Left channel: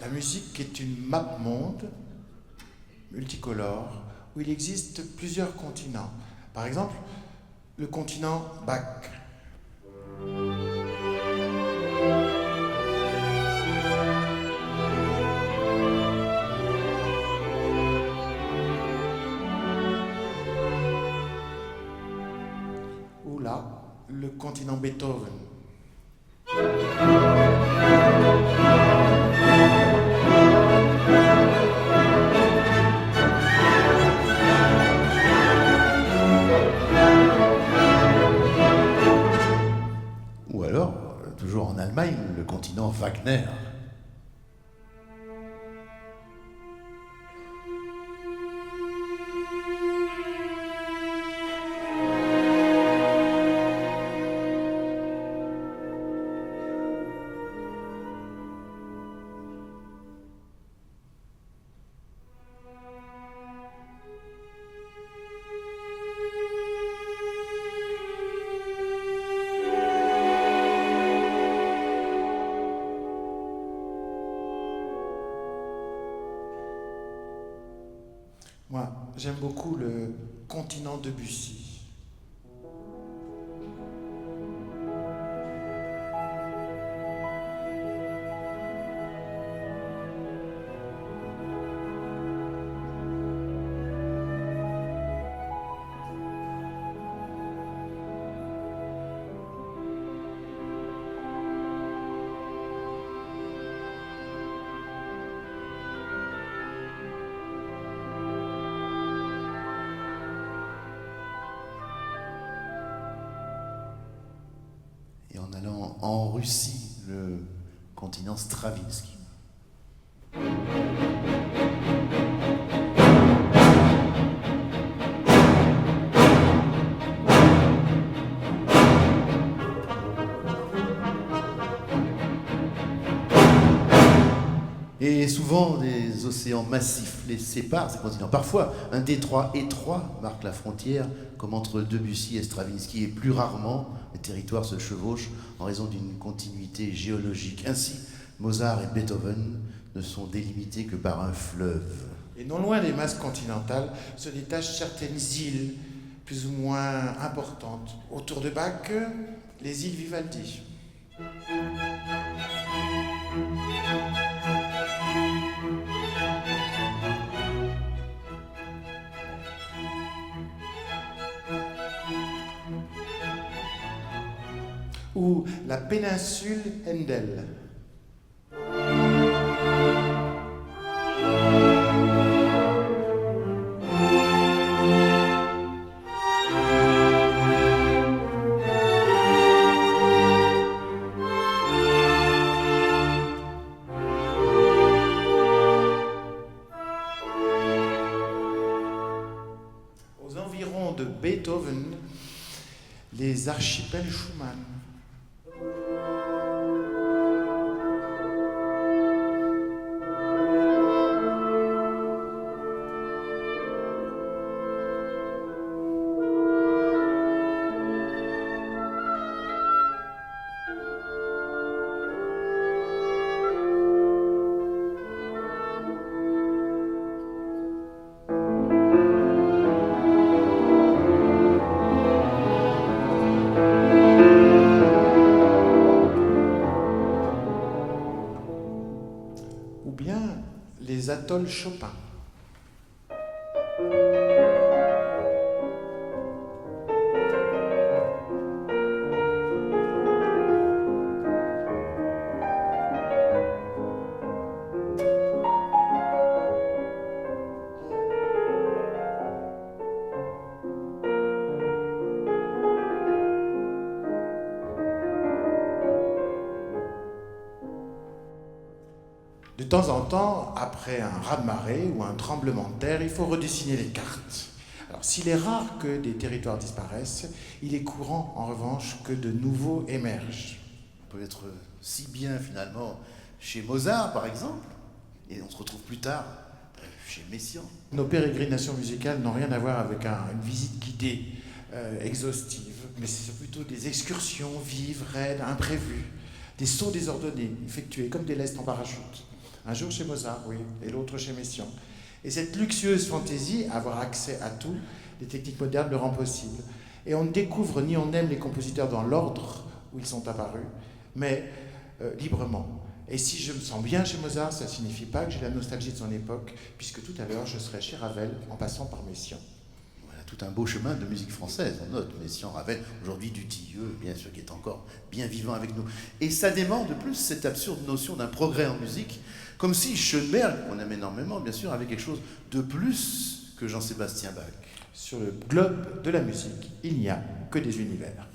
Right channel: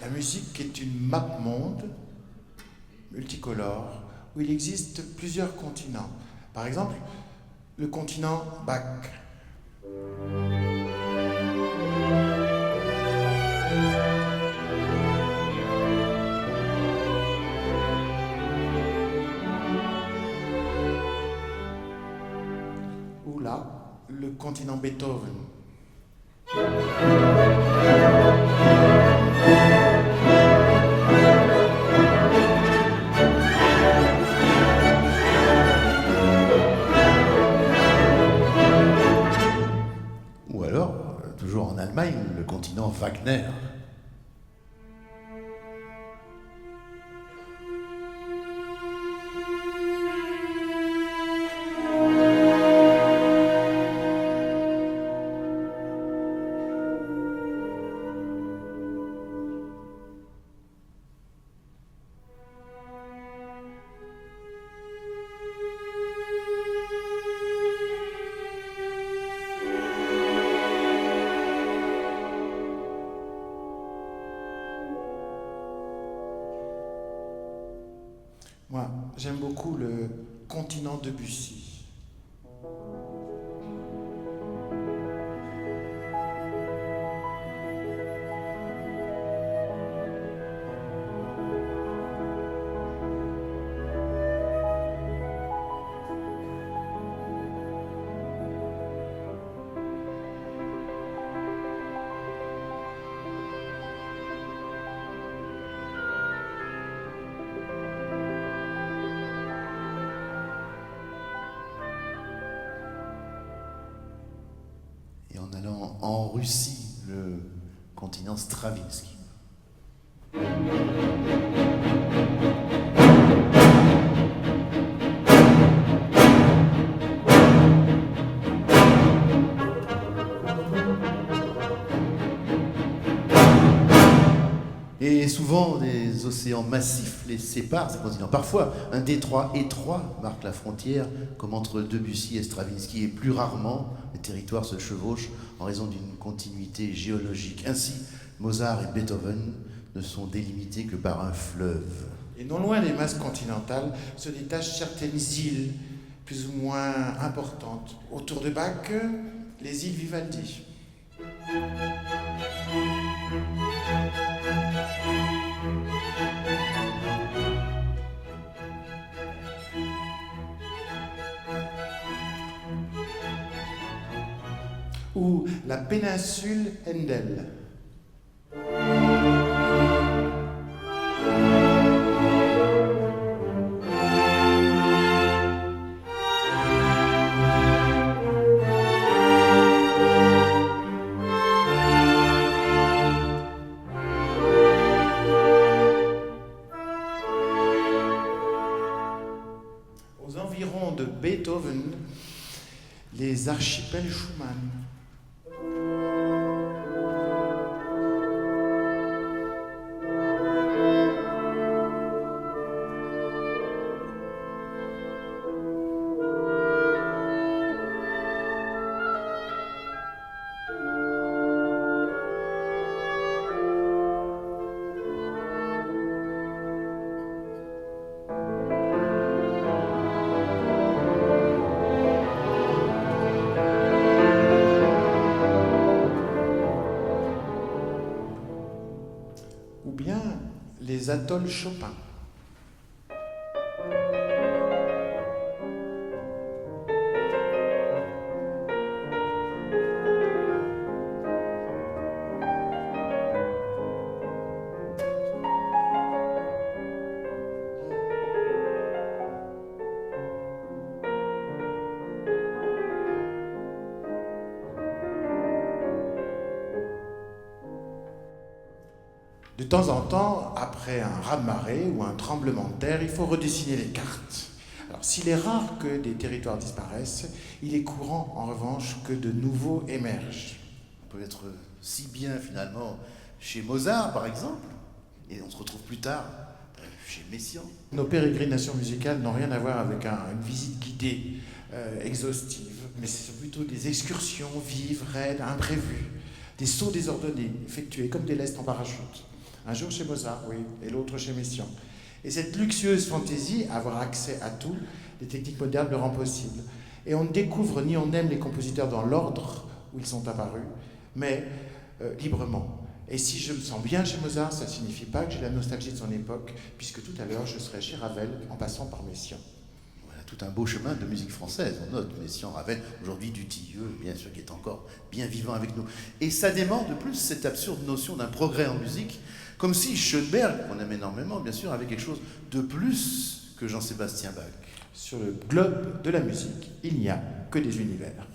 La musique est une map monde multicolore où il existe plusieurs continents. Par exemple, le continent Bac. Ou là, le continent Beethoven. Ou alors, toujours en Allemagne, le continent Wagner. Moi, j'aime beaucoup le continent Debussy. Et en allant en Russie, le continent Stravinsky. Et souvent, des océans massifs les séparent, ces continents. Parfois, un détroit étroit marque la frontière, comme entre Debussy et Stravinsky, et plus rarement, les territoires se chevauchent en raison d'une continuité géologique. Ainsi, Mozart et Beethoven ne sont délimités que par un fleuve. Et non loin des masses continentales se détachent certaines îles plus ou moins importantes. Autour de Bach, les îles Vivaldi. Ou la péninsule Handel. Aux environs de Beethoven, les archipels Schumann. Ou bien les atolls Chopin. De temps en temps, après un raz-de-marée ou un tremblement de terre, il faut redessiner les cartes. Alors, s'il est rare que des territoires disparaissent, il est courant, en revanche, que de nouveaux émergent. On peut être si bien, finalement, chez Mozart, par exemple, et on se retrouve plus tard chez Messiaen. Nos pérégrinations musicales n'ont rien à voir avec une visite guidée exhaustive, mais c'est plutôt des excursions vives, raides, imprévues, des sauts désordonnés, effectués comme des lestes en parachute. Un jour chez Mozart, oui, et l'autre chez Messiaen. Et cette luxueuse fantaisie, avoir accès à tout, les techniques modernes le rend possible. Et on ne découvre ni on n'aime les compositeurs dans l'ordre où ils sont apparus, mais librement. Et si je me sens bien chez Mozart, ça ne signifie pas que j'ai la nostalgie de son époque, puisque tout à l'heure, je serai chez Ravel en passant par Messiaen. Voilà, tout un beau chemin de musique française, on note Messiaen, Ravel, aujourd'hui Dutilleux, bien sûr, qui est encore bien vivant avec nous. Et ça dément de plus cette absurde notion d'un progrès en musique, comme si Schoenberg, qu'on aime énormément, bien sûr, avait quelque chose de plus que Jean-Sébastien Bach. Sur le globe de la musique, il n'y a que des univers.